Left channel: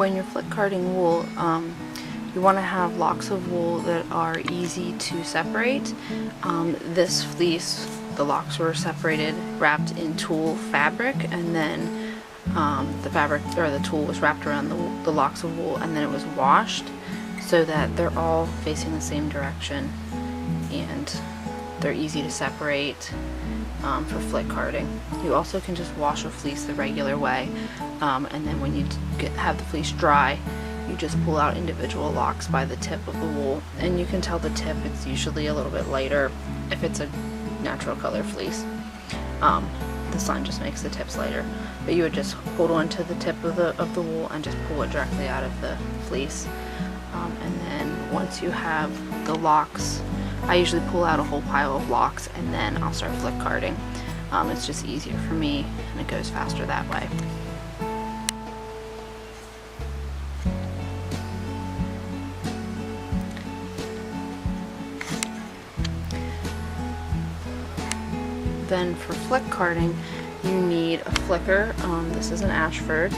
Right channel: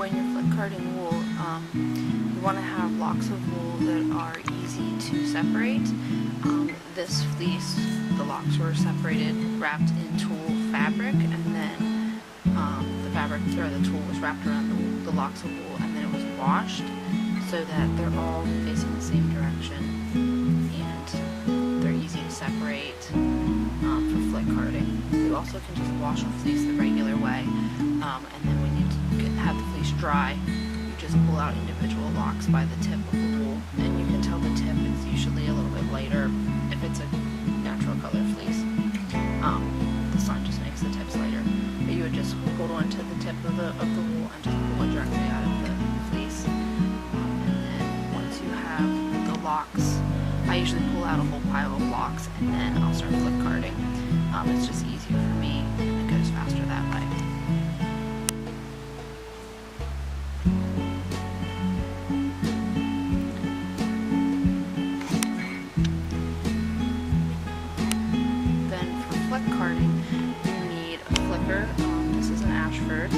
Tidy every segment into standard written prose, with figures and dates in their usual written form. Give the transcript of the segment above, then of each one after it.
When you're flick carding wool, you want to have locks of wool that are easy to separate. This fleece, the locks were separated, wrapped in tulle fabric, and then the fabric or the tulle was wrapped around the locks of wool, and then it was washed so that they're all facing the same direction and they're easy to separate for flick carding. You also can just wash a fleece the regular way, and then when you have the fleece dry, you just pull out individual locks by the tip of the wool, and you can tell the tip. It's usually a little bit lighter if it's a natural color fleece. The sun just makes the tips lighter, but you would just hold on to the tip of the wool and just pull it directly out of the fleece. And then once you have the locks, I usually pull out a whole pile of locks and then I'll start flick carding. It's just easier for me and it goes faster that way. Then for flick carding, you need a flicker. This is an Ashford.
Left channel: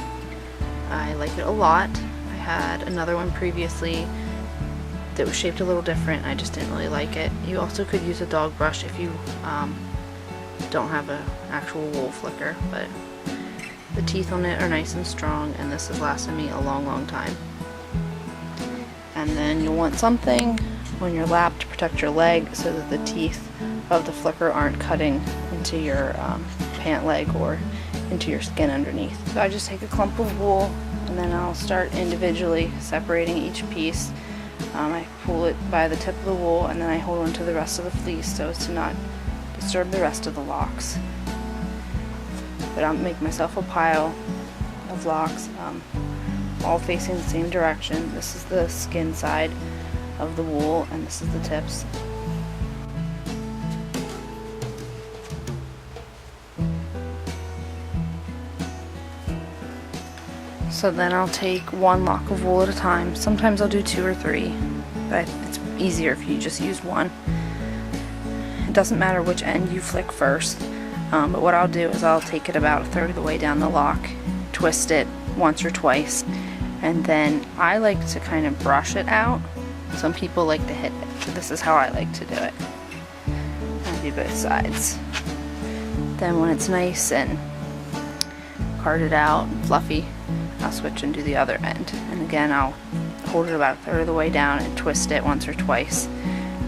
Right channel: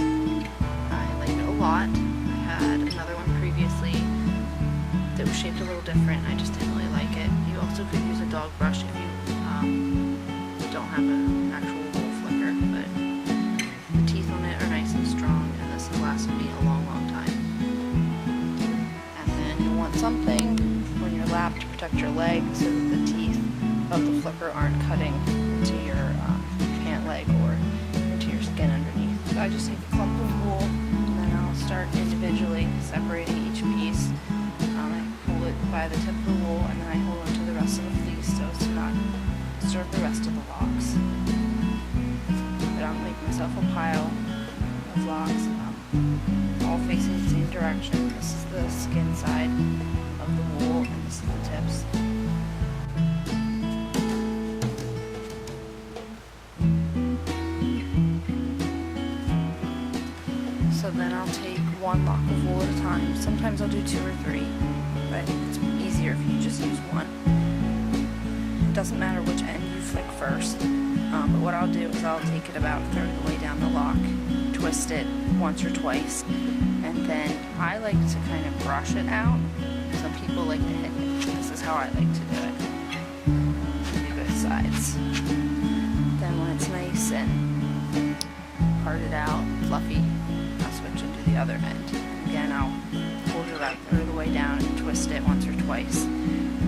I like it a lot. I had another one previously that was shaped a little different. I just didn't really like it. You also could use a dog brush if you don't have an actual wool flicker, but the teeth on it are nice and strong, and this has lasted me a long time. And then you'll want something on your lap to protect your leg so that the teeth of the flicker aren't cutting into your pant leg or into your skin underneath. So I just take a clump of wool and then I'll start individually separating each piece. I pull it by the tip of the wool and then I hold on to the rest of the fleece so as to not disturb the rest of the locks. But I'll make myself a pile of locks, all facing the same direction. This is the skin side of the wool and this is the tips. So then I'll take one lock of wool at a time. Sometimes I'll do 2 or 3, but it's easier if you just use one. It doesn't matter which end you flick first, but what I'll do is I'll take it about 1/3 of the way down the lock, twist it once or twice, and then I like to kind of brush it out. Some people like to hit it. This is how I like to do it. I do both sides. Then when it's nice and carded out, fluffy, I'll switch and do the other end. And again, I'll hold it about 1/3 of the way down and twist it once or twice.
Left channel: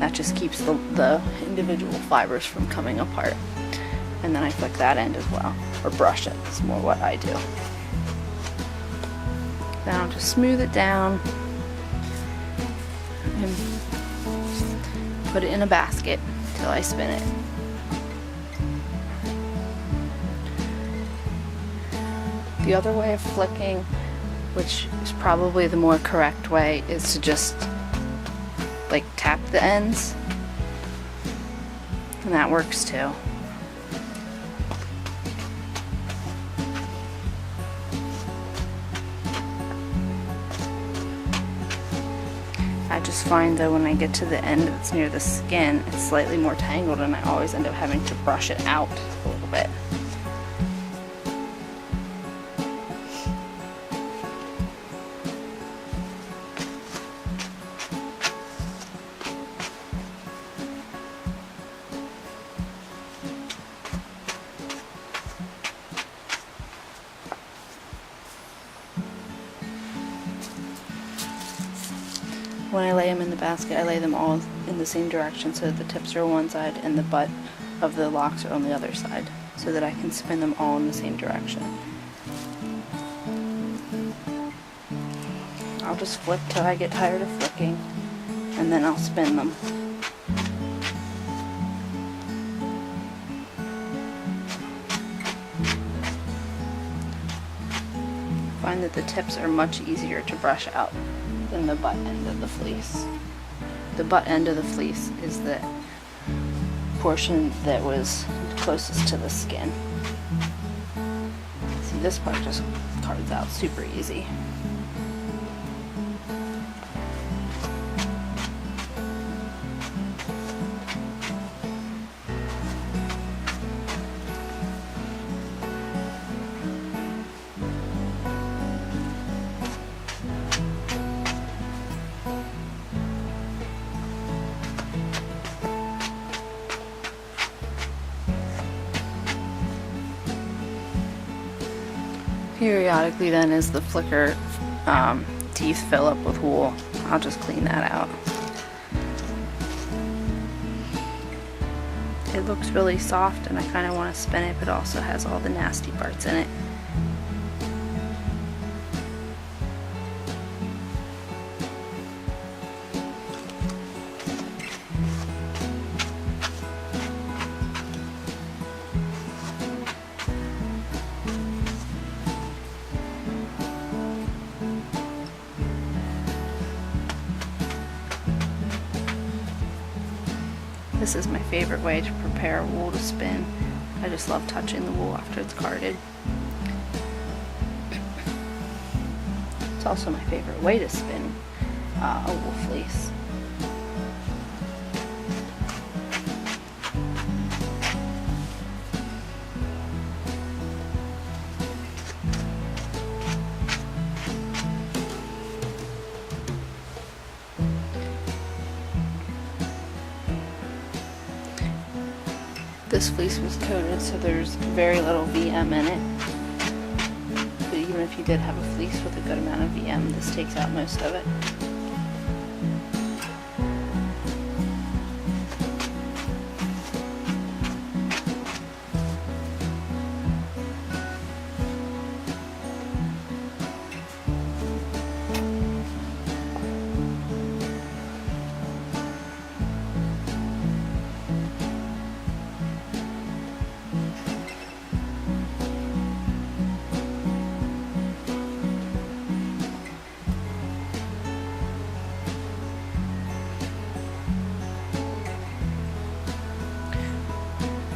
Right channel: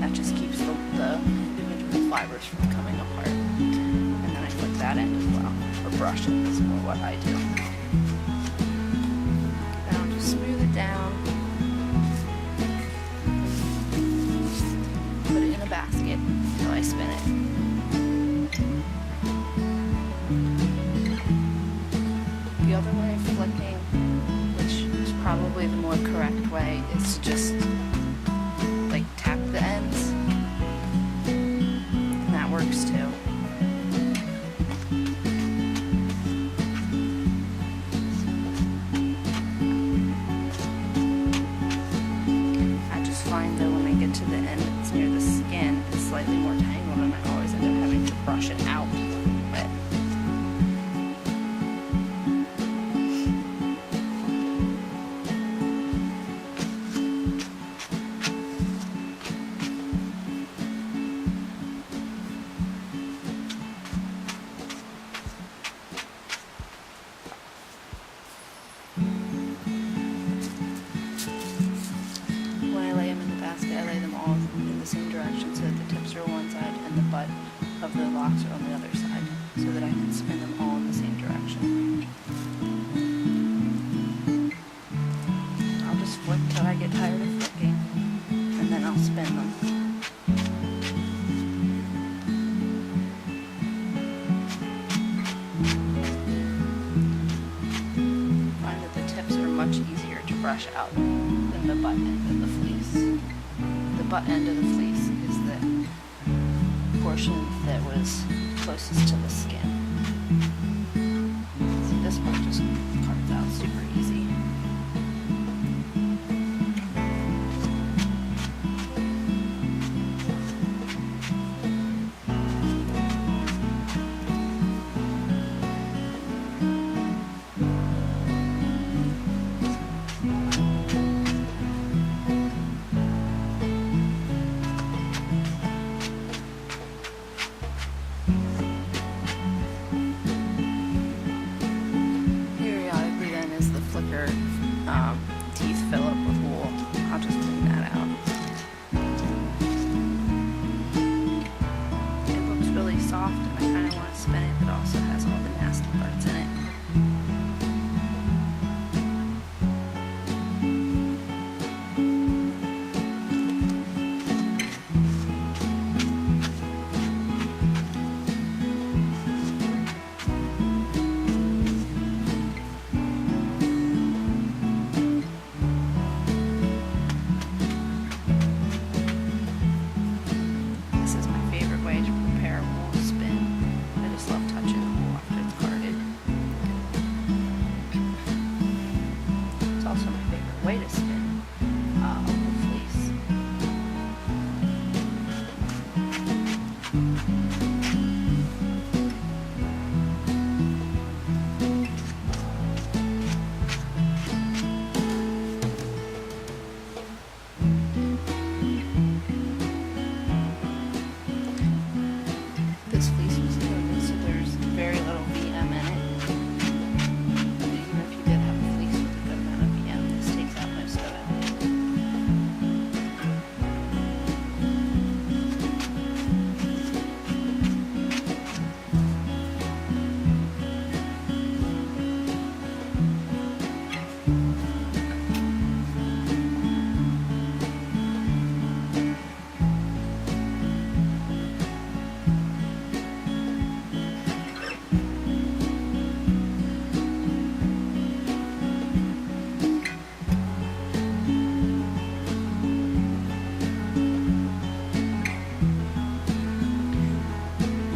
That just keeps the individual fibers from coming apart. And then I flick that end as well, or brush it, is more what I do. Then I'll just smooth it down and put it in a basket until I spin it. The other way of flicking, which is probably the more correct way, is to just like tap the ends, and that works too. I just find though when I get to the end that's near the skin, it's slightly more tangled and I always end up having to brush it out a little bit. When I lay them in the basket, I lay them all in the same direction so that the tips are on one side and the butt of the locks are on the other side, so that I can spin them all in the same direction. I'll just flick till I get tired of flicking, and then I'll spin them. I find that the tips are much easier to brush out than the butt end of the fleece. The butt end of the fleece is the portion that was closest to the skin. See, this part just cards out super easy. periodically then as the flicker teeth fill up with wool, I'll just clean that out. It looks really soft and I kind of want to spin it, but also has all the nasty parts in it. This is my favorite way to prepare wool to spin. I just love touching the wool after it's carded. It's also my favorite way to spin a wool fleece. This fleece was coated, so there's very little VM in it. But even if you did have a fleece with a good amount of VM, this takes out most of it.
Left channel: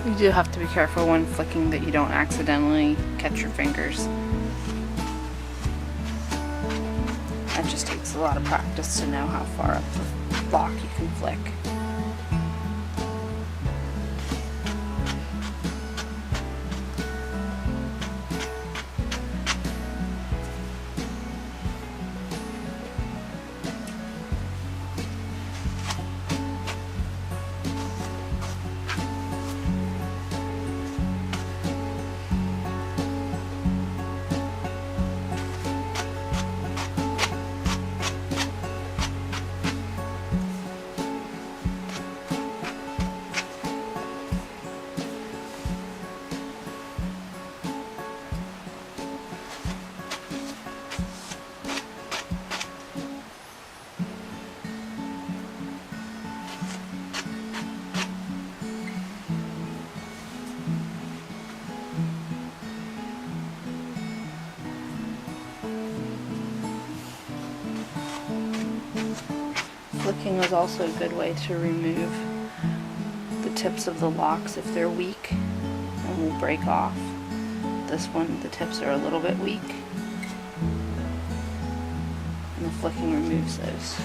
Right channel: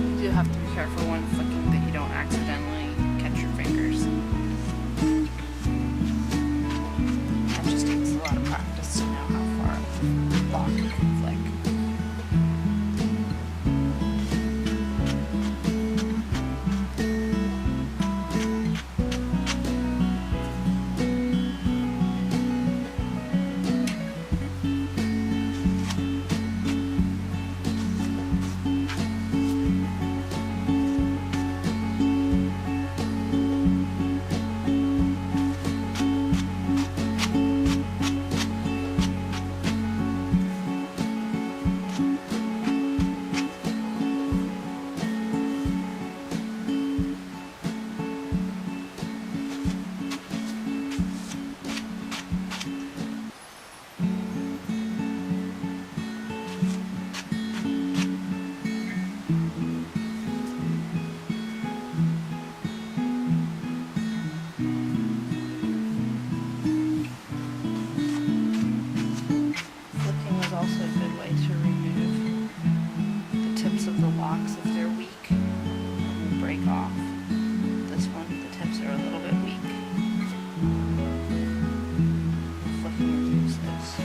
You do have to be careful when flicking that you don't accidentally catch your fingers. That just takes a lot of practice to know how far up the block you can flick. Flicking is also a good way to remove the tips of the locks if they're weak and will break off. This one, the tips are a little bit weak, and the flicking removes those.